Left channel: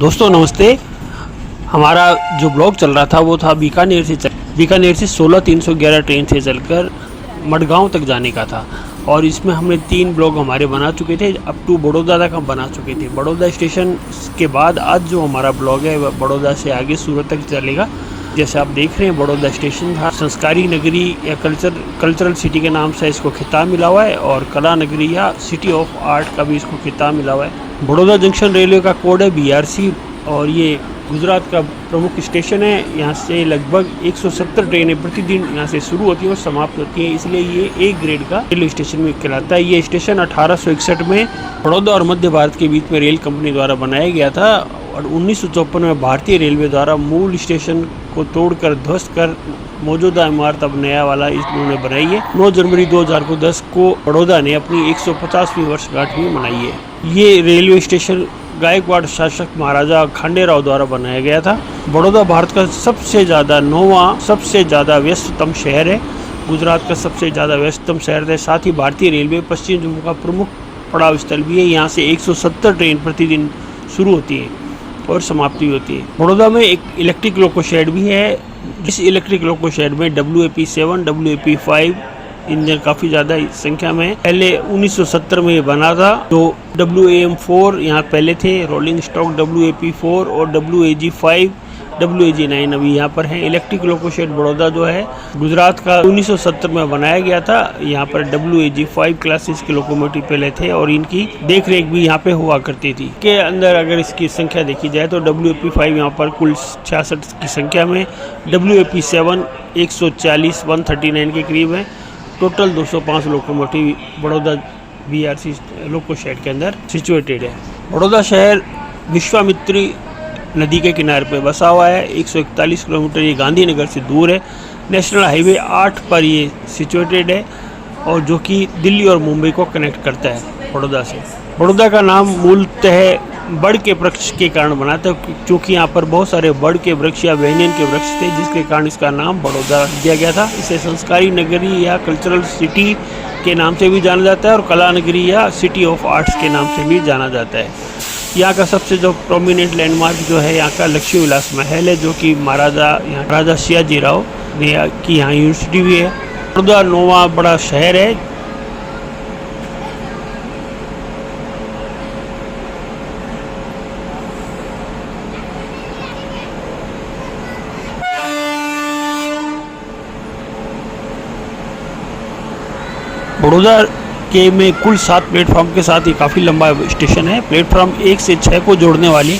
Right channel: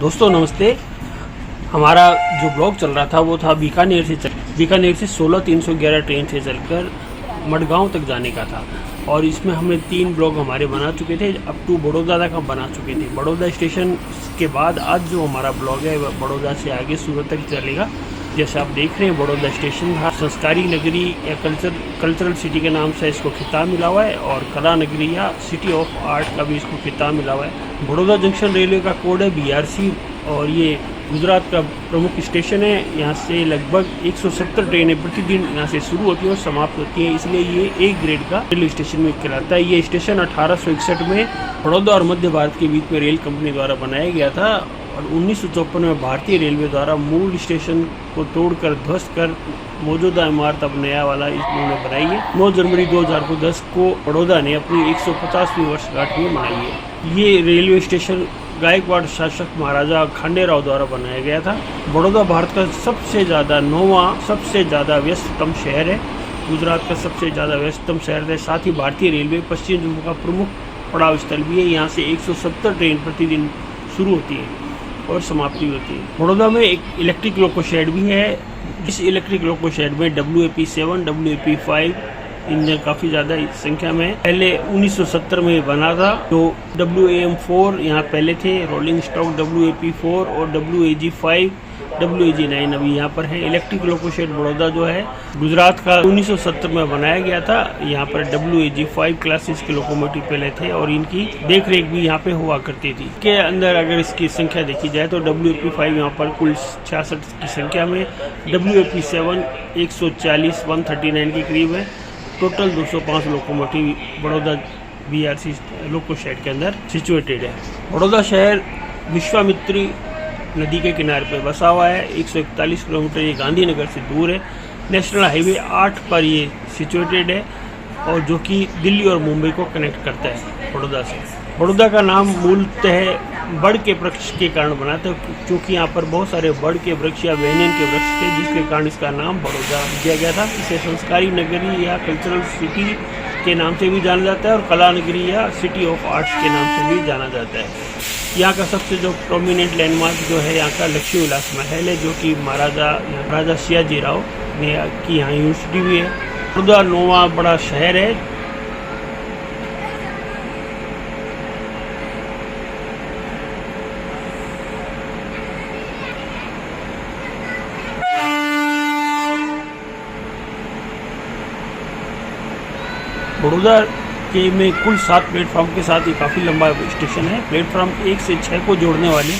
दोस्तों नमस्ते। हमारा जो ब्लॉग चल रहा था वो था बीकानेर से 16-311 ट्रेन से चलकर मडगांव तक जाने का था और इसमें हमने 3 ब्लॉग हमारे बना चुके थे। अप टू बड़ौदा तक हम बना चुके थे। बड़ौदा स्टेशन के बाद आज जो हमारा ब्लॉग है वह बड़ौदा से आगे सूरत तक चलेगा। जैसे आप देख रहे हैं बड़ौदा स्टेशन था, संस्कारी नगरी या कल्चरल सिटी के नाम से इसको खिताब मिला हुआ है और कला नगरी या सिटी ऑफ आर्ट का भी इसको खिताब मिला हुआ है। बड़ौदा जंक्शन रेलवे का कोड है BRC और ये गुजरात का प्रमुख स्टेशन है। यहाँ से लगभग 170 ट्रेनें प्रतिदिन यहाँ से शुरू होती हैं और समाप्त होती हैं, इसलिए ये A ग्रेड का रेलवे स्टेशन में कहलाता है। ये स्टेशन 1861 में बड़ौदा और मध्य भारत के बीच में रेल कंपनी द्वारा बनाया गया था और 1954 में भारतीय रेलवे द्वारा मूल स्टेशन को तोड़कर ध्वस्त कर मौजूदा इमारत अब नया वाला इन्होंने बनाई है। 9 जनवरी 2010 को बड़ौदा ने अपनी 150वीं वर्षगांठ भी मनाई है। ये रेलवे स्टेशन गायकवाड़ शासक महाराजा खांडेराव द्वारा बनाया गया था। बड़ौदा भारत का सबसे ज़्यादा व्यस्ततम शहर है। गुजरात का सबसे ज़्यादा व्यस्ततम शहर है। साथ ही भारतीय रेलवे पश्चिम जम्मू का प्रमुख पड़ाव स्थल भी है। यहाँ से 170 ट्रेन प्रतिदिन शुरू होती है और समाप्ति होती है। बड़ौदा में एक इलेक्ट्रिक लोको शेड भी है। इस इलेक्ट्रिक लोको शेड में WAP7, WAP5 इंजन काफ़ी ज़्यादा संख्या में पहले 1970 में बना था। तो WAM4 यहाँ पहले थे, रोलिंग स्टॉक WAP4 और WAG5, WAG9 अभी यहाँ पर है। इलेक्ट्रिक लोको शेड बड़ौदा जो है गुजरात का 1970 में बनाया गया था। यहाँ पर WAG5 क्लासेस के लोकोमोटिव पहले थे और इनकी देख रेख भी यहाँ पे हुआ करती थी। के अंदर अगर इसकी संख्या देखी जाए तो WAP5 यहाँ पर कुल 66 की संख्या में, WAP7 139 के करीब है। Total 205 locomotive Baroda BRC loco shed के अंदर सिचुएटेड है। बड़ौदा शहर विश्वामित्री नदी के किनारे पर बसा हुआ है। 141 किलोमीटर ये गांधीनगर से दूर है। नेशनल हाईवे 8 पर ये सिचुएटेड है और जो कि दिल्ली और मुंबई को कनेक्ट करता है बड़ौदा से। बड़ौदा का नाम मूलतः बड़ के वृक्ष के कारण बना था, क्योंकि यहाँ पर बहुत सारे बड़ के वृक्ष या वेनियन के वृक्ष थे, जिसके कारण इसका नाम बड़ौदा दिया गया था। इसे संस्कारी नगरी या कल्चरल सिटी के नाम से भी जाना जाता है और कला नगरी या सिटी ऑफ आर्ट्स के नाम से भी जाना जाता है। यहाँ का सबसे जो प्रोमिनेंट लैंडमार्क जो है यहाँ का लक्ष्मी विलास महल है, जो कि महाराजा सियाजी राव की यहाँ यूनिवर्सिटी भी है। बड़ौदा 9वां बड़ा शहर है। बड़ौदा के में कुल 7 प्लेटफॉर्म के साथ ही काफ़ी लंबा स्टेशन है। प्लेटफॉर्म 1 से 6 को जोड़ने वाली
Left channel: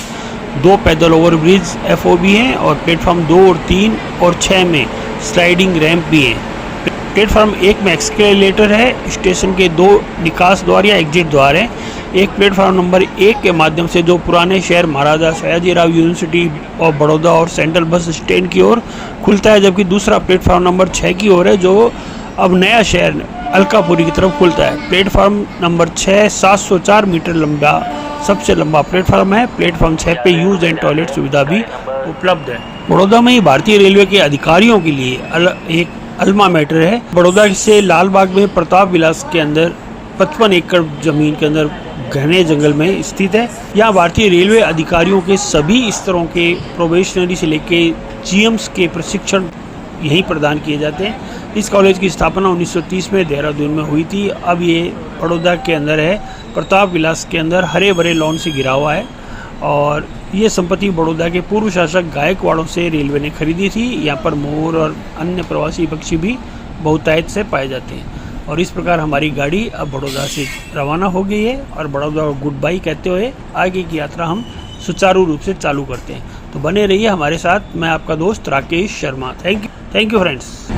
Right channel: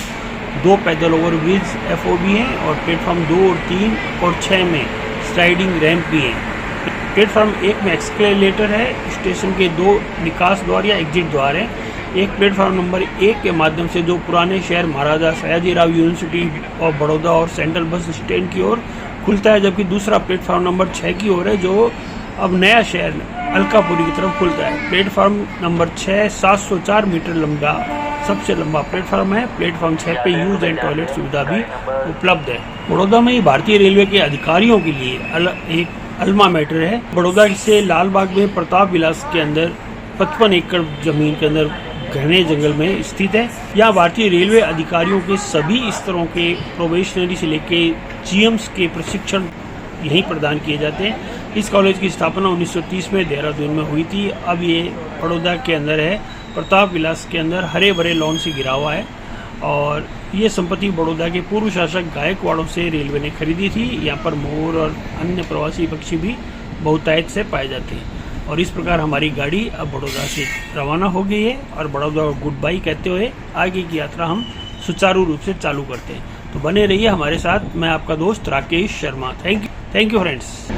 2 पैदल ओवरब्रिज FOB हैं और प्लेटफॉर्म 2 और 3 और 6 में स्लाइडिंग रैंप भी हैं। प्लेटफॉर्म 1 में एक्सकेलेटर है। स्टेशन के 2 निकास द्वार या एग्जिट द्वार हैं। एक प्लेटफॉर्म नंबर 1 के माध्यम से जो पुराने शहर महाराजा सयाजीराव यूनिवर्सिटी ऑफ बड़ौदा और सेंट्रल बस स्टैंड की ओर खुलता है, जबकि दूसरा प्लेटफॉर्म नंबर 6 की ओर है, जो अब नया शहर अलकापुरी की तरफ खुलता है। प्लेटफॉर्म नंबर 6 704 मीटर लंबा सबसे लंबा प्लेटफॉर्म है। प्लेटफॉर्म 6 पे यूज एंड टॉयलेट सुविधा भी उपलब्ध है। बड़ौदा में ही भारतीय रेलवे के अधिकारियों के लिए एक अल्मा मैटर है। बड़ौदा से लालबाग में प्रताप विलास के अंदर 55 एकड़ जमीन के अंदर घने जंगल में स्थित है। यहाँ भारतीय रेलवे अधिकारियों के सभी स्तरों के प्रोबेशनरी से लेके GMs के प्रशिक्षण यहीं प्रदान किए जाते हैं। इस कॉलेज की स्थापना 1930 में देहरादून में हुई थी। अब ये बड़ौदा के अंदर है। प्रताप विलास के अंदर हरे भरे लॉन से घिरा हुआ है और ये संपत्ति बड़ौदा के पूर्व शासक गायकवाड़ों से रेलवे ने खरीदी थी। यहाँ पर मोर और अन्य प्रवासी पक्षी भी बहुतायत से पाए जाते हैं। और इस प्रकार हमारी गाड़ी अब बड़ौदा से रवाना हो गई है और बड़ौदा को गुड बाय कहते हुए आगे की यात्रा हम सुचारू रूप से चालू करते हैं। तो बने रहिए हमारे साथ। मैं आपका दोस्त Rakesh Sharma. Thank you friends.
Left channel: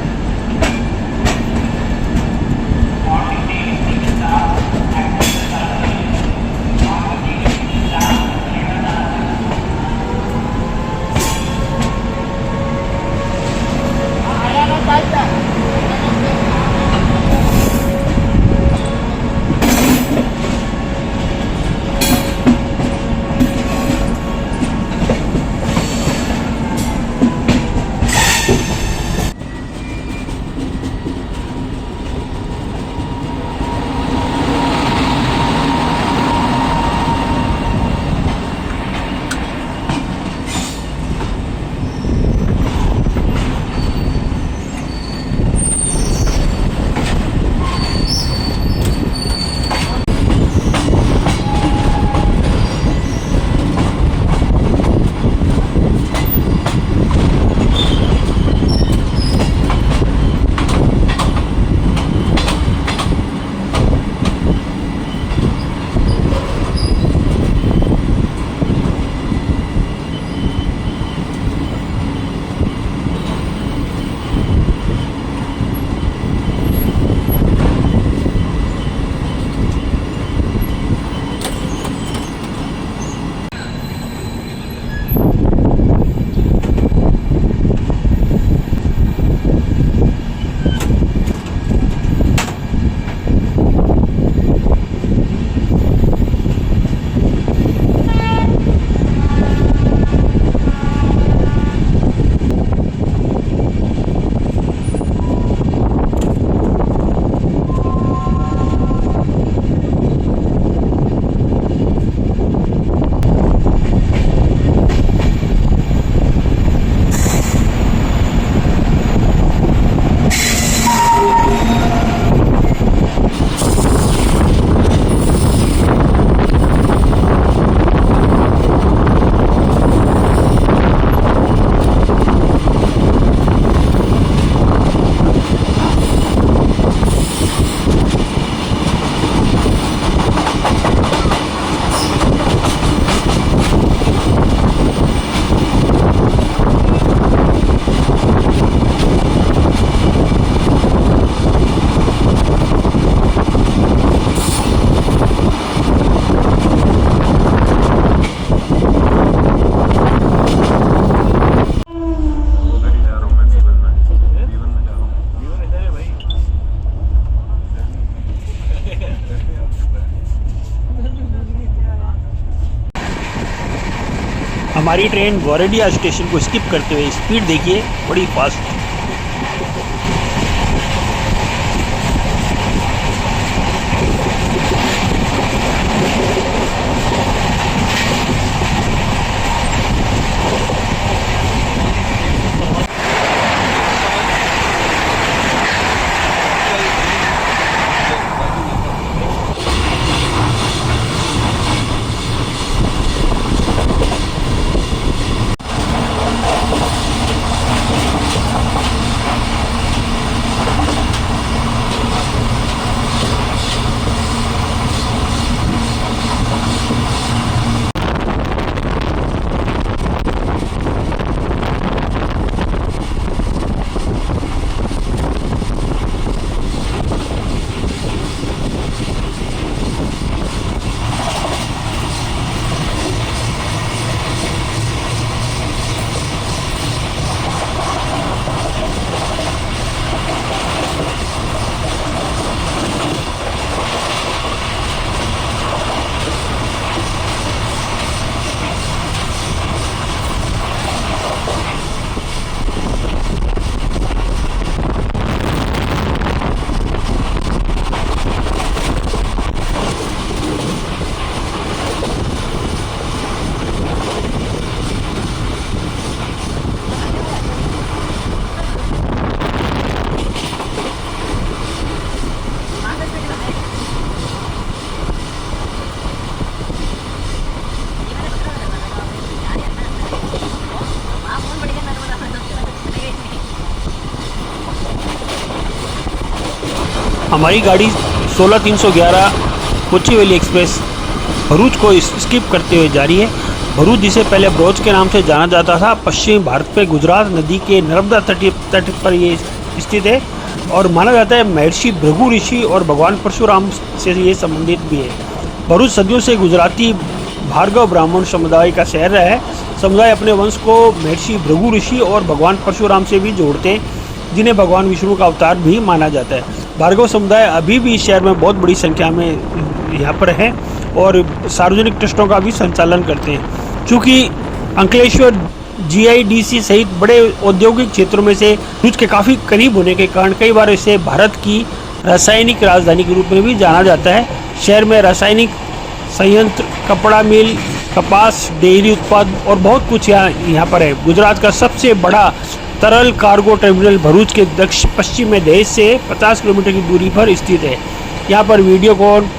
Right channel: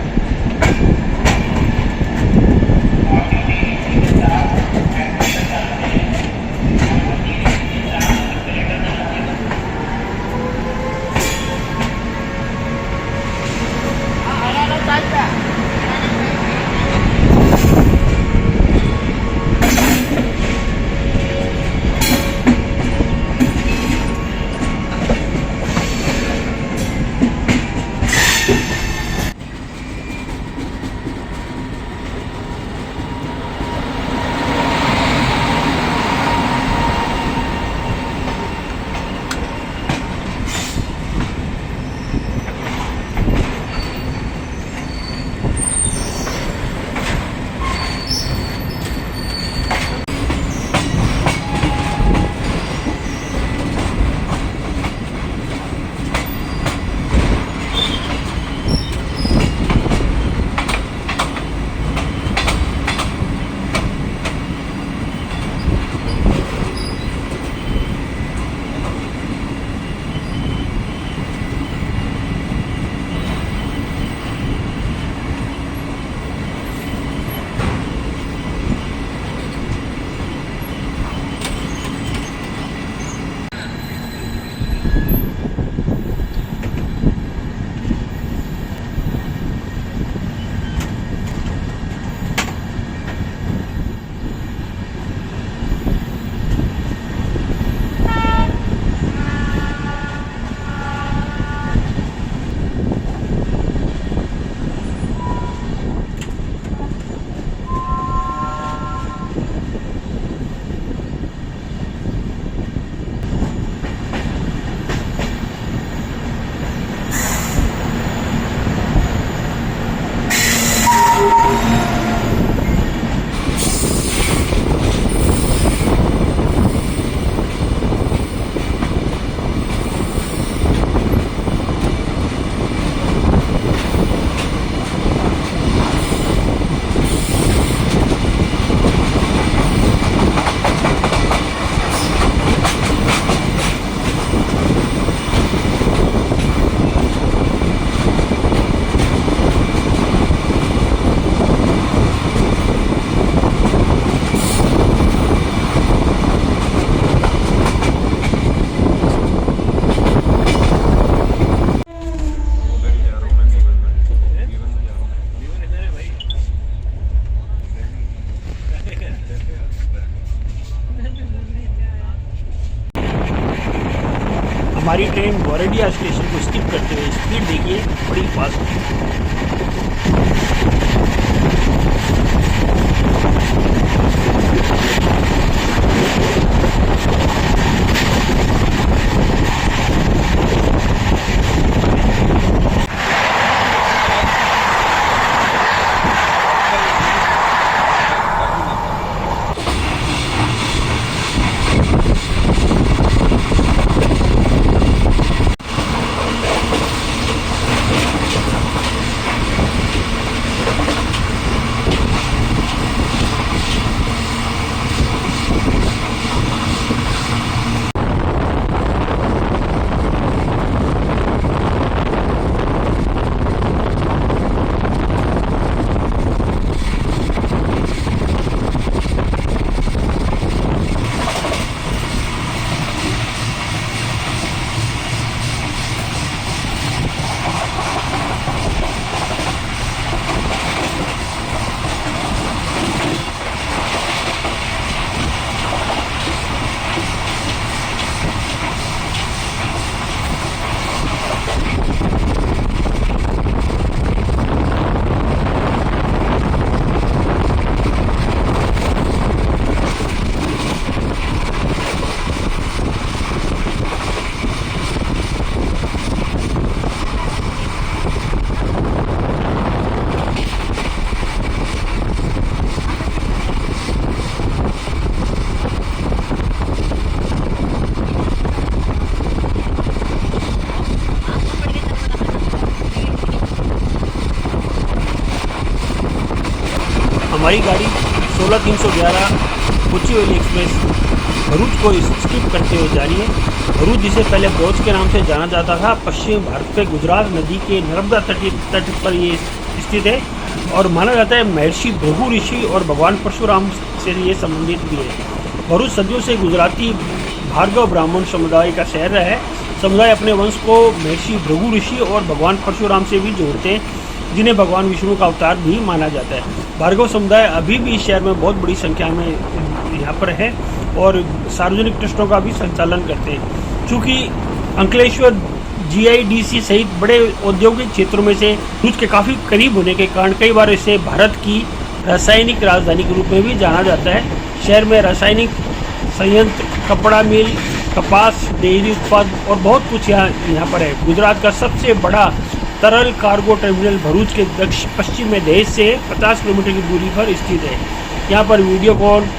हमारी ट्रेन गोरेडिया स्टेशन को स्किप करते हुए स्पीड देखिए बड़ी फास्ट। हमारी गाड़ी 16311 कोचुवेली एक्सप्रेस भरूच को स्किप करते हुए जा रही है। भरूच जिसे पहले ब्रोच के नाम से जाना जाता था, पश्चिमी भारत पे गुजरात नदी के नर्मदा तट पर ये स्थित है और माना जाता है महर्षि भृगु ऋषि और भगवान परशुराम से ये संबंधित भी है। भरूच सदियों से गुजराती भार्गव ब्राह्मण समुदाय का शहर रहा है। समुदाय अपने वंश को महर्षि भृगु ऋषि और भगवान परशुराम से भी जोड़ते हैं, जिन्हें भगवान विष्णु का अवतार भी माना जाता है। भार्गव समुदाय अभी भी इस शहर में बहुत बड़ी संख्या में यहाँ पर है और सार्वजनिक ट्रस्टों का भी संचालन करते हैं। चूँकि अंकलेश्वर GIDC सहित बड़े औद्योगिक क्षेत्रों में से भरूच के काफ़ी करीब होने के कारण कई बार इसे भारत की रासायनिक राजधानी के रूप में भी जाना जाता है। शहर में रासायनिक संयंत्र, कपड़ा मिल, कपास, डेयरी उत्पाद और बहुत कुछ यहाँ पर है। गुजरात का सबसे बड़ा तरल कार्गो टर्मिनल भरूच के दक्षिण पश्चिम में देश से 50 किलोमीटर की दूरी पर स्थित है। यहाँ पर Videocon,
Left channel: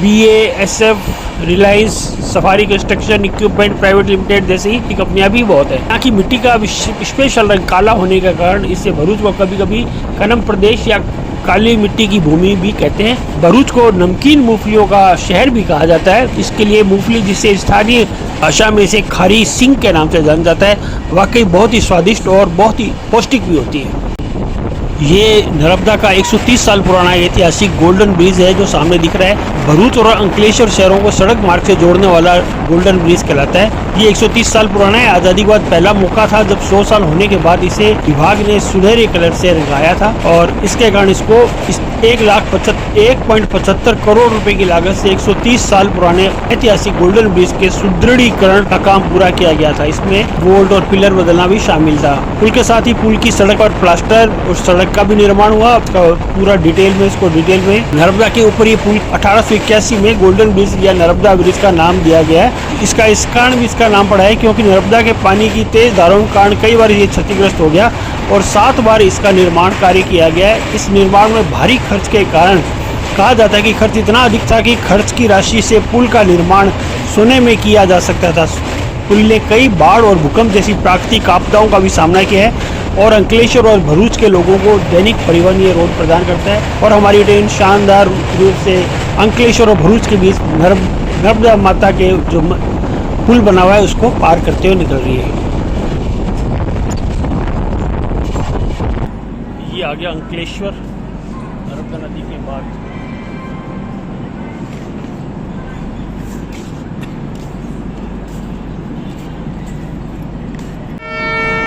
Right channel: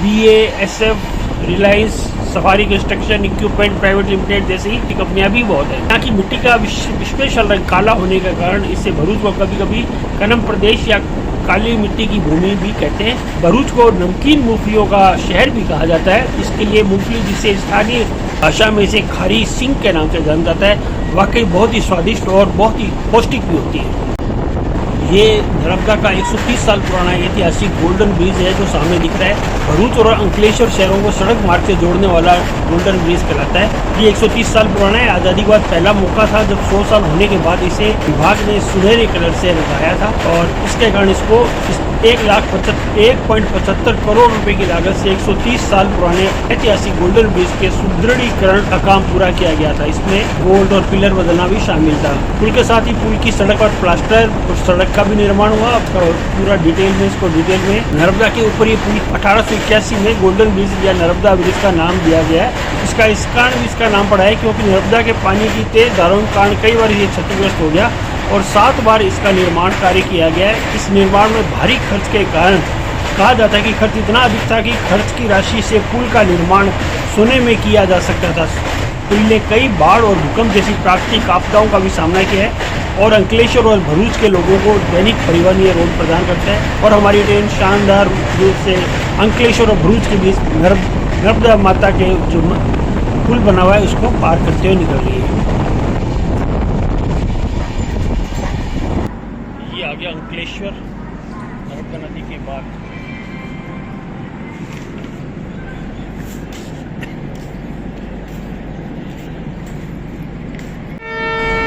BASF, Reliance, safari construction equipment private limited जैसी कंपनियां भी बहुत है। यहाँ की मिट्टी का स्पेशल रंग काला होने के कारण इससे भरूच को कभी कभी कनम प्रदेश या काली मिट्टी की भूमि भी कहते हैं। भरूच को नमकीन मूंगफलियों का शहर भी कहा जाता है। इसके लिए मूंगफली, जिसे स्थानीय भाषा में इसे खारी सिंग के नाम से जाना जाता है, वाकई बहुत ही स्वादिष्ट और बहुत ही पौष्टिक भी होती है। ये नर्मदा का 130 साल पुराना ऐतिहासिक गोल्डन ब्रिज है जो सामने दिख रहा है। भरूच और अंकलेश्वर शहरों को सड़क मार्ग से जोड़ने वाला गोल्डन ब्रिज कहलाता है। ये 130 साल पुराना है। आज़ादी के बाद पहला मौका था जब 100 साल होने के बाद इसे विभाग ने सुनहरे कलर से रंगाया था और इसके कारण इसको 1.75 करोड़ रुपए की लागत से 130 साल पुराने ऐतिहासिक गोल्डन ब्रिज के सुदृढ़ीकरण का काम पूरा किया गया था। इसमें बोल्ट और पिलर बदलना भी शामिल था। पुल के साथ ही पुल की सड़क और प्लास्टर और सड़क का भी निर्माण हुआ। पूरा डिटेल में नर्मदा के ऊपर ये पुल 1881 में गोल्डन ब्रिज या नर्मदा ब्रिज का नाम दिया गया है। इस कारण भी इसका नाम पड़ा है क्योंकि नर्मदा के पानी की तेज धाराओं के कारण कई बार ये क्षतिग्रस्त हो गया और 7 बार इसका निर्माण कार्य किया गया है। इस निर्माण में भारी खर्च के कारण कहा जाता है कि खर्च इतना अधिक था कि खर्च की राशि से पुल का निर्माण सोने में किया जा सकता था। पुल ने कई बाढ़ और भूकंप जैसी प्राकृतिक आपदाओं का भी सामना किया है और अंकलेश्वर और भरूच के लोगों को दैनिक परिवहन ये रोड प्रदान करता है और हमारी ट्रेन शानदार रूप से अंकलेश्वर और भरूच के बीच नर्मदा माता के जो पुल बना हुआ है उसको पार करते हुए निकल रही है। ये आ गया अंकलेश्वर नर्मदा नदी के बाद।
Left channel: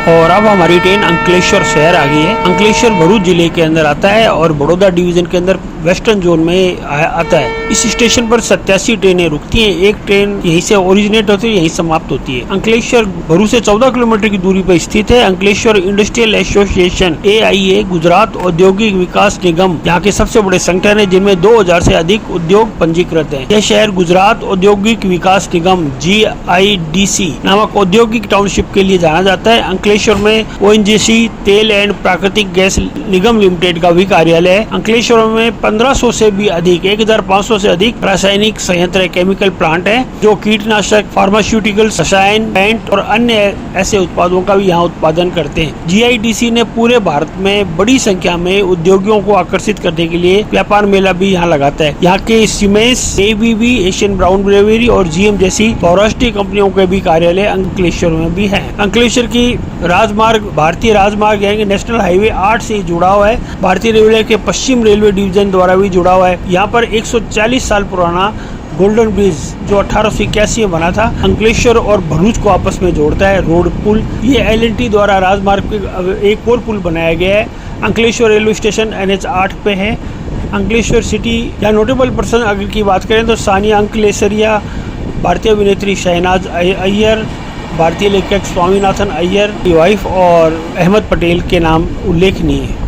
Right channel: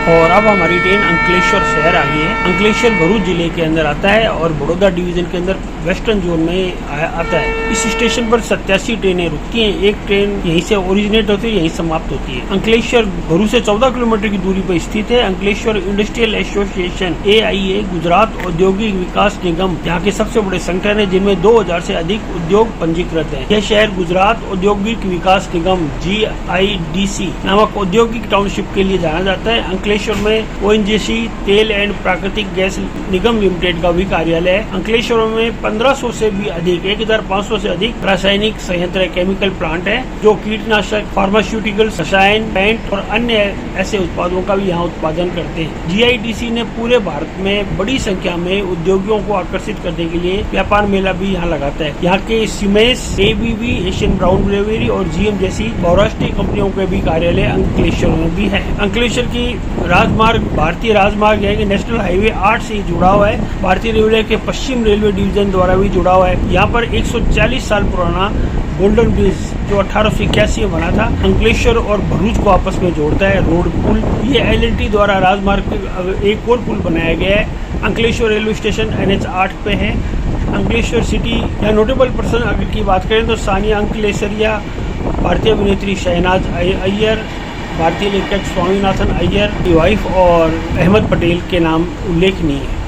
और अब हमारी ट्रेन अंकलेश्वर शहर आ गई है। अंकलेश्वर भरूच जिले के अंदर आता है और बड़ौदा डिवीजन के अंदर वेस्टर्न जोन में आता है। इस स्टेशन पर 87 ट्रेनें रुकती हैं। एक ट्रेन यहीं से ओरिजिनेट होती है, यहीं समाप्त होती है। अंकलेश्वर भरू से 14 किलोमीटर की दूरी पर स्थित है। Ankleshwar industrial association AIA Gujarat औद्योगिक विकास निगम यहाँ के सबसे बड़े संगठन है, जिनमें 2000 से अधिक उद्योग पंजीकृत हैं। यह शहर गुजरात औद्योगिक विकास निगम GIDC नामक औद्योगिक टाउनशिप के लिए जाना जाता है। अंकलेश्वर में ONGC तेल एंड प्राकृतिक गैस निगम लिमिटेड का भी कार्यालय है। अंकलेश्वर में 1500 से भी अधिक 1500 से अधिक रासायनिक संयंत्र केमिकल प्लांट है, जो कीटनाशक, फार्मास्यूटिकल, रसायन, पेंट और अन्य ऐसे उत्पादों का भी यहाँ उत्पादन करते हैं। GIDC ने पूरे भारत में बड़ी संख्या में उद्योगियों को आकर्षित करने के लिए व्यापार मेला भी यहाँ लगाता है। यहाँ के siemens, ABB, Asian brown bravery और GM जैसी बहुराष्ट्रीय कंपनियों के भी कार्यालय अंकलेश्वर में भी है। अंकलेश्वर की राजमार्ग भारतीय राजमार्ग यानी नेशनल हाईवे 8 से जुड़ा हुआ है। भारतीय रेलवे के पश्चिम रेलवे डिवीजन द्वारा भी जुड़ा हुआ है। यहाँ पर 140 साल पुराना गोल्डन ब्रिज जो 1881 में बना था, अंकलेश्वर और भरूच को आपस में जोड़ता है, रोड पुल। ये LNT द्वारा राजमार्ग पे एक और पुल बनाया गया है। अंकलेश्वर रेलवे स्टेशन NH 8 पे है। अंकलेश्वर सिटी या नोटेबल पर्सन अगर की बात करें तो सानिया अंकलेश्वरिया, भारतीय अभिनेत्री शहनाज अय्यर, भारतीय लेखक स्वामीनाथन अय्यर की वाइफ और अहमद पटेल के नाम उल्लेखनीय है।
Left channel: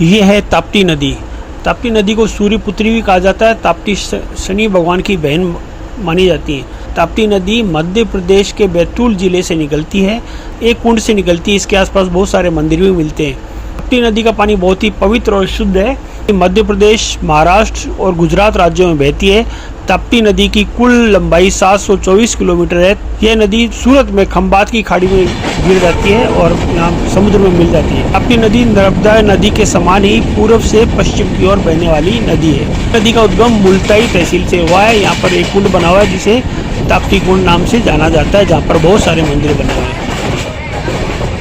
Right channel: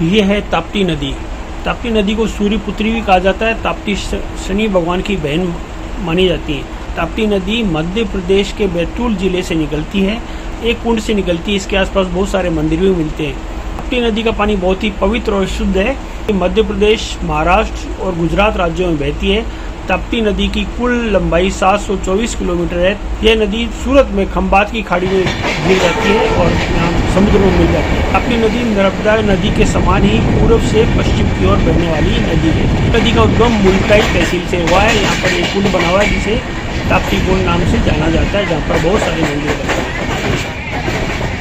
ये है ताप्ती नदी। ताप्ती नदी को सूर्य पुत्री भी कहा जाता है। ताप्ती शनि भगवान की बहन मानी जाती है। ताप्ती नदी मध्य प्रदेश के बैतूल जिले से निकलती है। एक कुंड से निकलती है। इसके आसपास बहुत सारे मंदिर भी मिलते हैं। ताप्ती नदी का पानी बहुत ही पवित्र और शुद्ध है। मध्य प्रदेश, महाराष्ट्र और गुजरात राज्यों में बहती है। ताप्ती नदी की कुल लंबाई 724 किलोमीटर है। यह नदी सूरत में खंबात की खाड़ी में गिर जाती है और यहाँ समुद्र में मिल जाती है। ताप्ती नदी नर्मदा नदी के समान ही पूर्व से पश्चिम की ओर बहने वाली नदी है। नदी का उद्गम मुल्ताई तहसील से हुआ है। यहाँ पर एक कुंड बना हुआ है जिसे ताप्ती कुंड नाम से जाना जाता है, जहाँ पर बहुत सारे मंदिर बने हुए हैं।